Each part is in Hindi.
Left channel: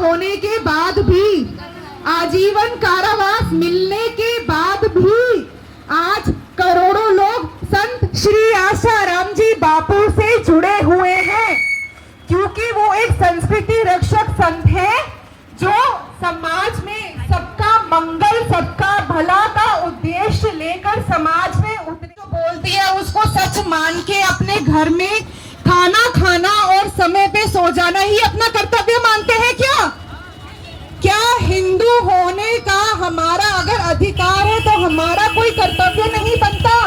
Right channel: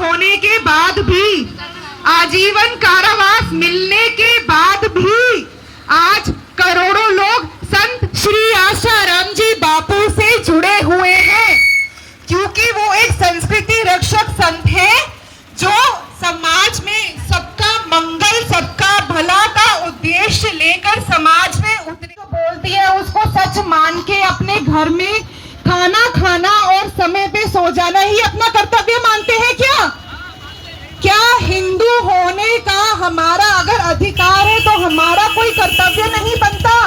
होने के बाद भी, आजीवन कारावास मिलने के बाद भी आज करोड़ों लोग संत श्री आशाराम जी बापू से जुड़े हुए हैं, क्योंकि वो एक संस्कृति रक्षक संत है जो समाज में सबका मंगल, सबका भला का उद्देश्य लेकर समाज में उतरे। तो बोलती है उसको सच मान के अपने घर में खाना खाना और समय पे सो जाना ही अपना कर्तव्य मानते हैं क्या हिंदू होने का हमारा अगर अधिकार है तो हमारा कोई कर्तव्य नहीं बनता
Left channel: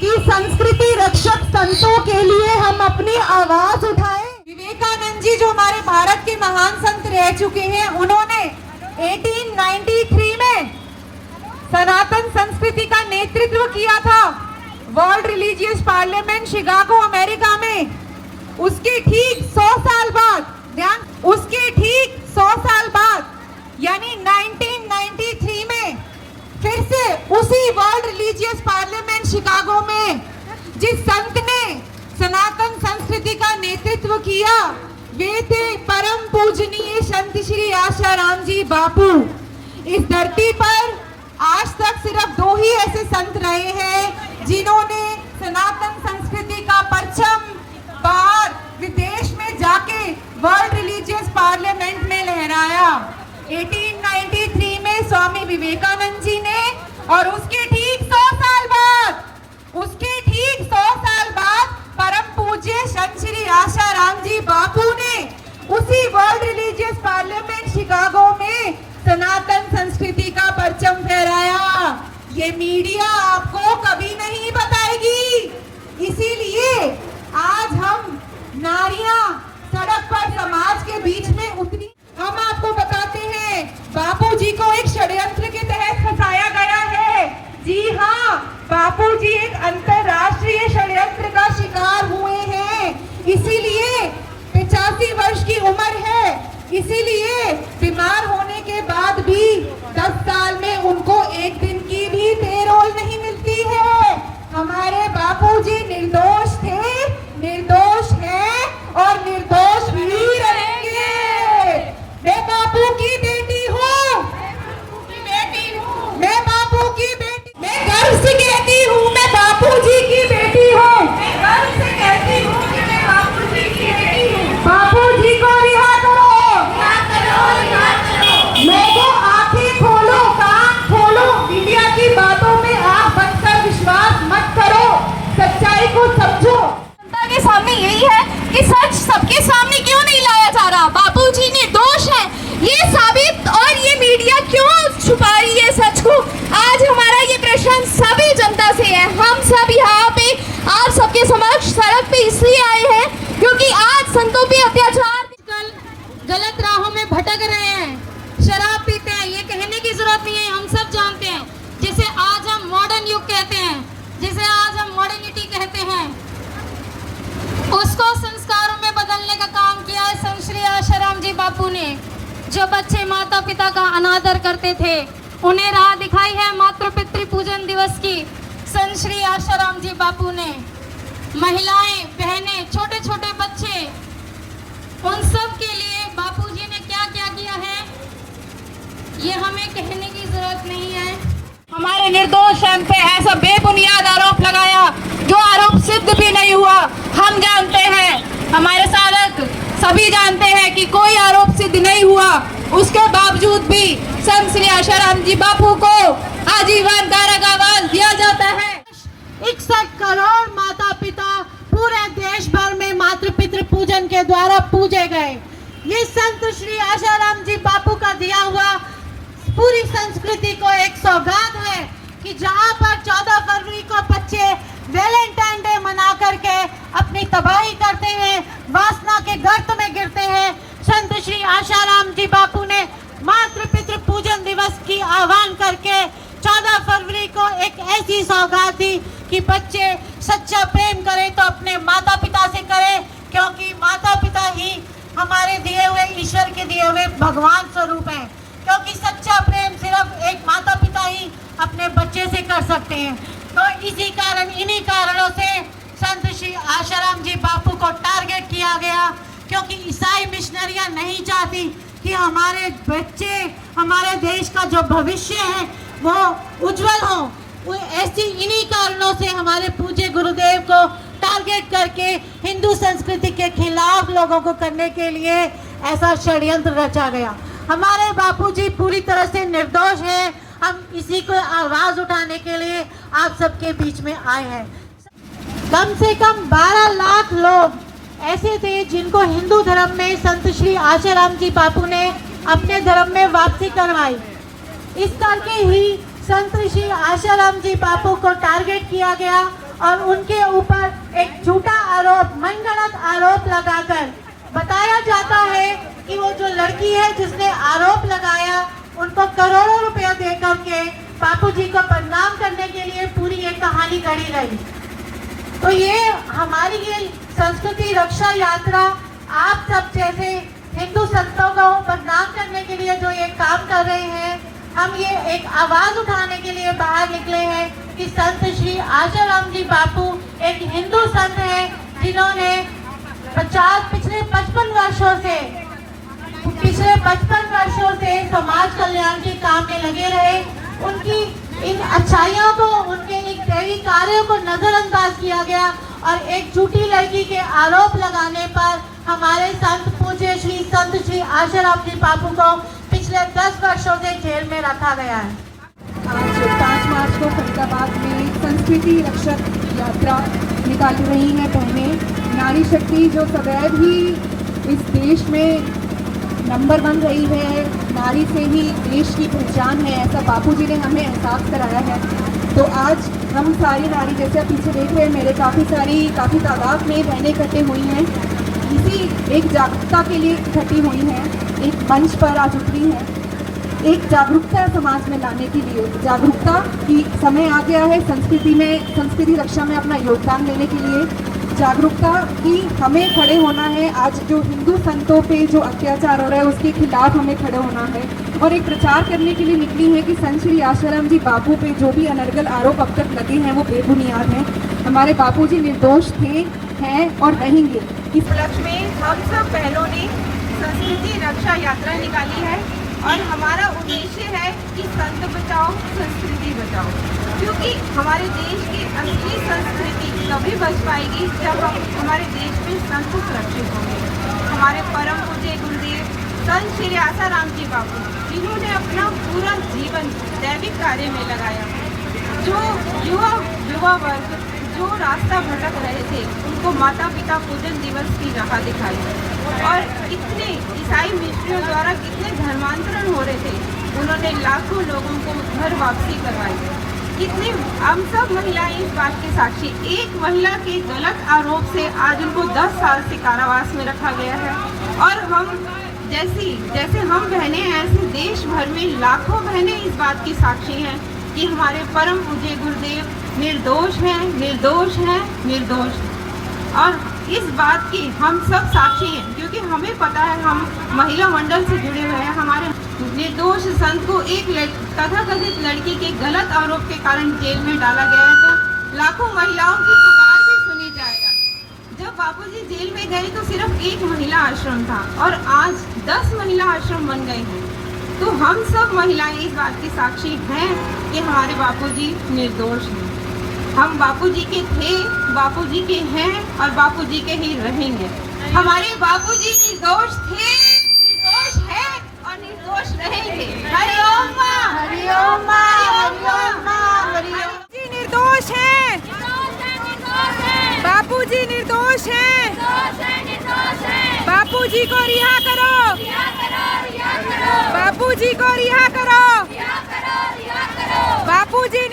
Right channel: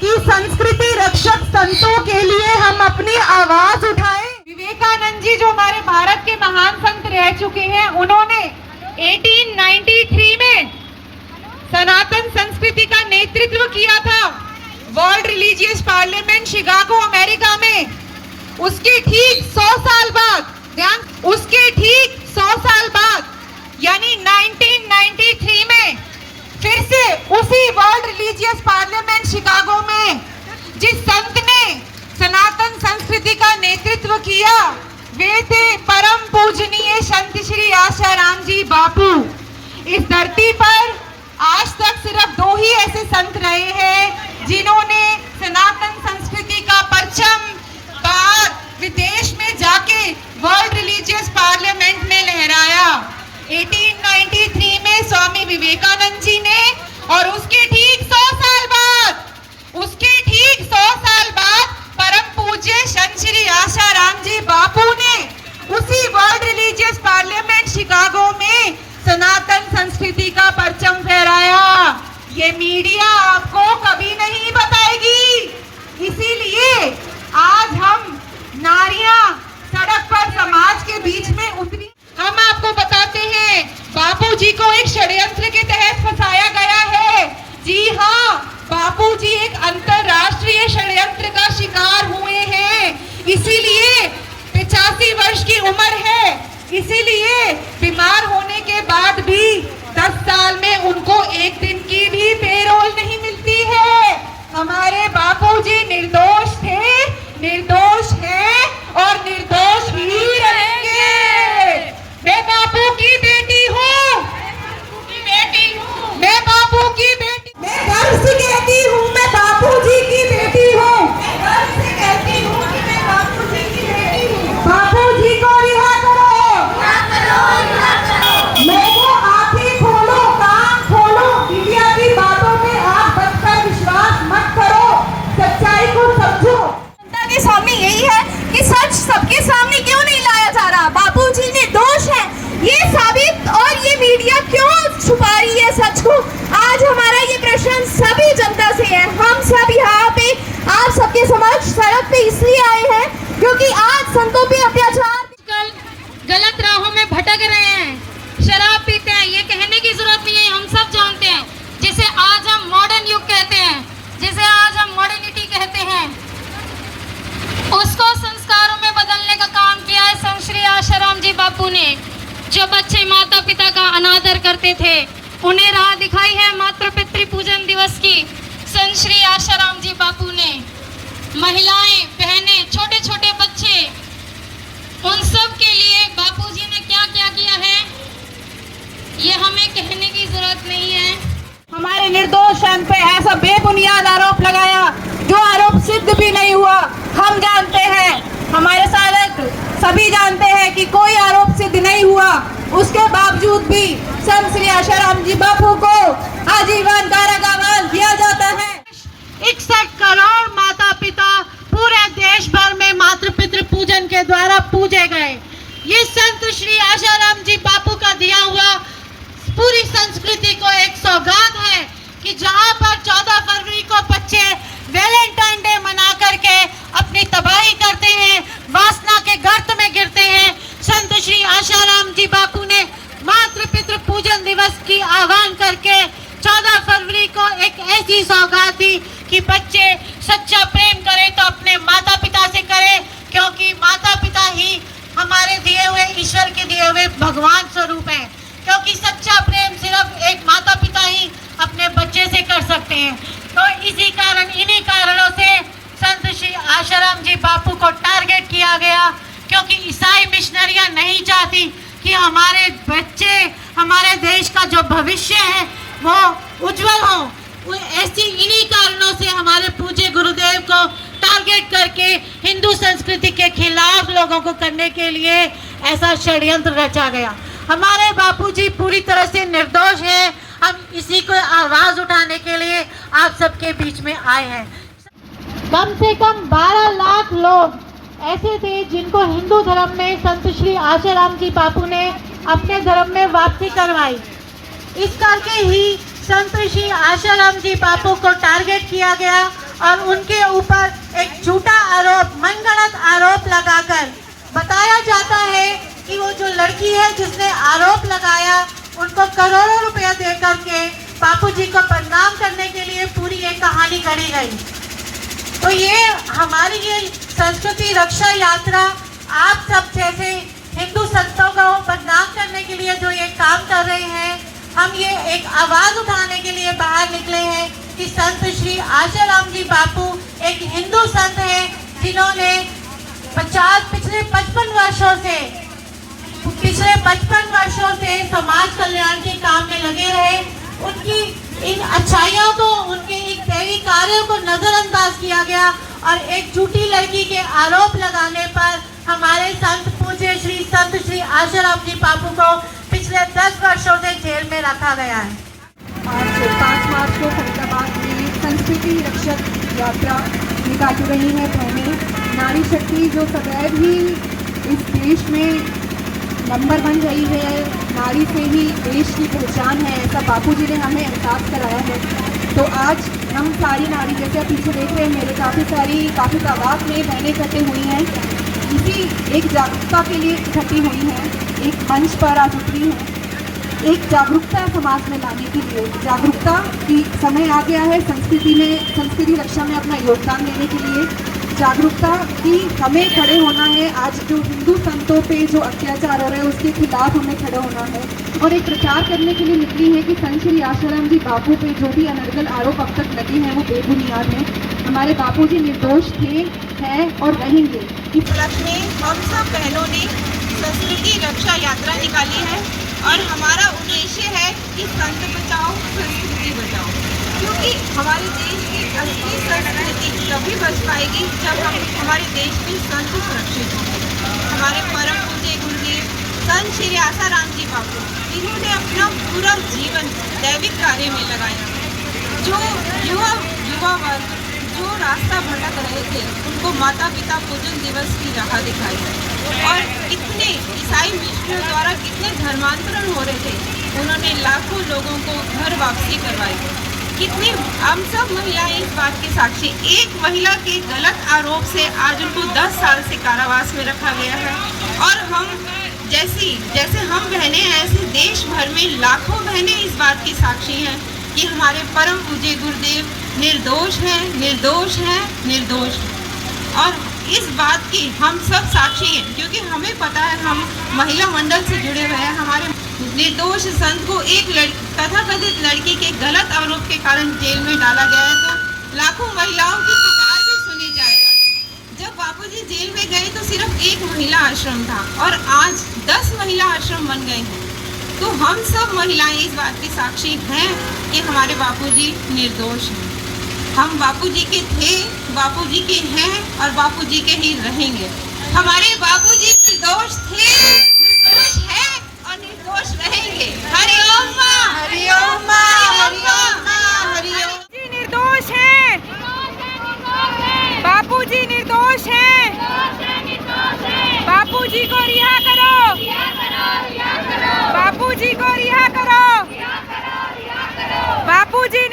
कि संस्कृति रक्षक संतों के लिए हम अपनी आवाज उठाएं? विवेकानंद जी जो हमारे भारत के महान संत रह चुके हैं, उन्होंने 1893 में सनातन संस्कृति का नेतृत्व किया था world religious parliament Chicago America में। उसके ठीक 100 साल बाद, उसके ठीक 100 साल बाद यानी 1993 में फिर से उसी वर्ल्ड रिलीजियस पार्लियामेंट शिकागो में जिस संत ने सनातन संस्कृति का नेतृत्व किया, वे थे परम पूजनीय संत श्री आशाराम जी बापू। इस धरती पर आज तक सिर्फ 2 ही ऐसे संत रहे हैं जिन्होंने सनातन संस्कृति का परचम बाहर विदेश में जाके वर्ल्ड रिलीजियस पार्लियामेंट में लहराया। 1893 में स्वामी विवेकानंद जी ने, और उसके ठीक 100 साल बाद, परम पूज्य संत श्री आशाराम जी बापू ने उसी वर्ल्ड रिलीजियस पार्लियामेंट शिकागो में सनातन संस्कृति का परचम फहराया। ये मीडिया आपको कभी नहीं बताएगी, इसीलिए आज हम नारियां सड़क पर समाज के बीच में उतरी। हम आपको बताते हैं बापू जी को एक षड्यंत्र के तहत फंसाया गया है। जी हाँ, बापू जी एक अंतरराष्ट्रीय षड्यंत्र का शिकार हुए हैं। इसीलिए 85 वर्ष की उम्र है, इसीलिए बीमार होने के बाद भी 10 साल में उनको एक दिन की भी पेरोल नहीं मिलती है। हमारे बापू जी निर्दोष थे, निर्दोष हैं और निर्दोष ही रहेंगे। मैं बापू की बेटी हूँ, मैं बापू की बेटी, मैं गर्व से कहती हूँ मैं बापू जी की बेटी हूँ, मैं गर्व से कहती हूँ कि मैं बापू जी की बेटी हूँ। बापू जी को रिहा करो, मैं को आंखें खोलो, कान खोलो, मीडिया की बातों में आंख बंद कर विश्वास मत करो, सच्चाई को समझो। जनता के सामने यही है कि सच सबके सामने क्यों नहीं लाया जा रहा। बापू जी निर्दोष है ये साबित, और ये मीडिया क्यों छुपा रही है सच को। आज हमारा ये प्रश्न सभी जनता से है। हम सब यहाँ पे आप सबके समक्ष सड़क पे इसलिए आए हैं क्योंकि आज संतों पे अत्याचार, गलत राहों में भटक रहे हैं, शराब पीते हैं, ये कहने की जरूरत नहीं है, हम सब जानते हैं। जिसे आज हम मॉडर्न युग कहते हैं, जिसे आज हम मॉडर्निटी कहते हैं, उसको संस्कारों में बदलने का काम किया है संत श्री आशाराम जी बापू ने। जो बच्चे माता पिता का अनादर करते थे, उन्हें राह दिखाई है मातृ पितृ पूजन दिवस की संत श्री आशाराम जी बापू ने। महिलाएं, बहनें, छोटे छोटे बच्चे, उन सब के लिए बापू जी ने क्या क्या किया है ये हमें कहने की जरूरत नहीं है। हमारे निर्दोष संत पे ऐसा बेबुनियाद आरोप लगाया जो आरोप सिद्ध भी नहीं हुआ। हम जानते हैं, हमारे साधक सभी जानते हैं कि कोई आरोप सिद्ध नहीं हुआ, उसके बावजूद भी संत श्री आशाराम जी बापू को आजीवन कारावास दिया जाता है। 61 करोड़ माता पिता पूरे देश भर में मातृ पितृ पूजन के द्वारा पूजे गए। ये संत श्री आशाराम जी बापू का दिया हुआ पूरी संस्कृति को एक सौगात है कि जहां पर 14 फरवरी को बच्चे वैलेंटाइन डे मना करके अपनी तबाही करते हैं, वासना के गर्त में गिरते हैं, संत श्री आशाराम जी बापू ने मातृ पितृ पूजन दिवस की आह्वान करके 14 फरवरी को एक ऐसी सौगात दी कि बच्चे सच्चा प्रेम करें तो अपने माता पिता से करें, क्योंकि माता पिता ही हमारे दिए हुए, ईश्वर के दिए हुए भगवान स्वरूप हैं। क्योंकि सच्चा प्रेम सिर्फ एक माता पिता ही अपने बच्चे से कर सकते हैं। तो इसी कारण, इन्हीं कारणों से संत श्री आशाराम जी बापू को टारगेट किया गया, क्योंकि ईसाई मिशनरियां नहीं चाहती कि कि हमारे बच्चे, हमारे देश का जो भविष्य है वो उज्जवल हो। ऐसी इन्हीं कारणों से हमारे पूज्य गुरुदेव को टारगेट करके हिंदू संस्कृति के खिलाफ लोगों को करने के लिए ऐसा षड्यंत्र रचा गया। हमारे बापूजी पूरी तरह से निर्दोष हैं। हम इसी को आवाज उठाने के लिए आप सबके बीच में आए हैं। कम से कम 12 लाख लोग ऐसे थे जिनको हिंदू धर्म में संत श्री आशाराम जी बापू ने अपने धर्म में वापसी करवाई। इस करके ही संत श्री आशाराम जी बापू को टारगेट किया गया और उनके ऊपर एक झूठा आरोप, मनगढ़ंत आरोप लगाकर बताया जाता है कि वो जो लड़की है जिसने आरोप लगाया उनको करोड़ों रुपया दे करके बापू जी को बदनाम करने के लिए पूरी एक कहानी गढ़ी गई। तो ये हमारी ये संस्कृति रक्षा यात्रा आप सब जैसे हिंदू संतों को बदनाम करने के लिए जो ये काम कर रहे हैं, हम ये एक आवाज उठाने के लिए बाहर निकले हैं कि संत श्री आशाराम जी बापू एक हिंदू संत है जिन्होंने पिछले 55 वर्षों से समाज कल्याण के काम में लगे रहे। उनकी इन अच्छाइयों को, उनके एक दैवी कार्यों को नजरअंदाज किया गया और एक झूठी लड़की के आरोप लगाने पर हमारे संत पूज्य संत श्री आशाराम जी बापू को पिछले 10 वर्षों से जेल में रखा गया है। आज 5 मार्च को फरीदाबाद में संस्कृति रक्षक यात्रा निकाली रही है बहनें। नारी शक्ति जो सदैव ही इस देश में नंबर 1 रही है, नारी से ही देश की पहचान है, ऐसा बापूजी ने हमें एहसास कराया है। तो आज हम सारी नारी, जैसे आप पीछे देख रहे हैं मेरे काफ़ी तादाद में बहनें इकट्ठी हुई हैं, इसी एक जागरूकता के लिए इकट्ठी हुई हैं, एक मंच पर आज उतरी हैं, एक जागरूकता समाज में लाने के लिए। जागरूकता की समय आ गया है संस्कृति रक्षा में अपना योगदान देने के लिए। जागरूकता की हमें खड़े होना है। आज जो हिंदू संतों पे जो अत्याचार हो रहा है उसके खिलाफ हमें खड़े होना है और एक प्रचार करने के लिए निकली है कि संत श्री आशाराम जी बापू पे जो भी अनर्गल आरोप अब तक लगे हैं वो बेबुनियाद हैं। हमारे बापूजी निर्दोष थे, हैं और रहेंगे। इस उपलक्ष्य में हम सब बहनों ने संस्कृति रक्षा यात्रा निकाली है और हमारा उद्देश्य है कि संत बचाओ संस्कृति बचाओ, क्योंकि हमारे देश की असली संस्कृति तभी बच पाएगी जब हमारे देश में संत सुरक्षित होंगे। हमारे परम पूज्य गुरुदेव संत श्री आशाराम जी बापू, इन्होंने अपना पूरा जीवन दैविक कार्य में लगाया। जो युवा वर्ग जो रास्ता भटक रहे थे उनको माता पिता पूजन दिवस की राह दिखाई और कितने ईसाई मिशनरियों द्वारा कितने धर्मांतरण हो रहे थे, उन्होंने लाखों लोगों को घर वापसी करवाई। कितनी हम सब महिलाएं इस बात के साक्षी। एक महिला के गलत आरोप से आज उनको 10 साल से कारावास में रखा गया है और हम जैसे हम बहनें हैं ऐसे देश भर में लाखों बहनें इस बात की साक्षी हैं कि हमारे परम पूज्य गुरुदेव निर्दोष हैं, निर्दोष हैं, निर्दोष हैं। और इस बात की हम सब साक्षी हैं क्योंकि हमें पता है, हम महिला मंडल से जुड़े हुए हैं। हमारे निर्दोष संत को एक तथाकथित लड़की के गलत आरोप के कारण जेल में डाला गया है, तो लाखों महिलाओं की पुकार भी सुनी जाएगा। जब बापूजी जेल में गए तो सिर्फ एक महिला आश्रम था और आज 10 महिला आश्रम बन गए हैं। तो हम सब महिलाएं इस बात की साक्षी हैं कि हमारे बापूजी निर्दोष हैं। हम बापूजी के थे, बापूजी के हैं और बापूजी के ही रहेंगे। हमारे बापूजी निर्दोष थे, निर्दोष हैं और निर्दोष रहेंगे। हरि ओम मां, हरि ओम मां, हरि ओम मां, हरि ओम। जी निर्दोष हैं, बापूजी निर्दोष हैं, बापूजी को रिहा करो, बापूजी को रिहा करो, बापूजी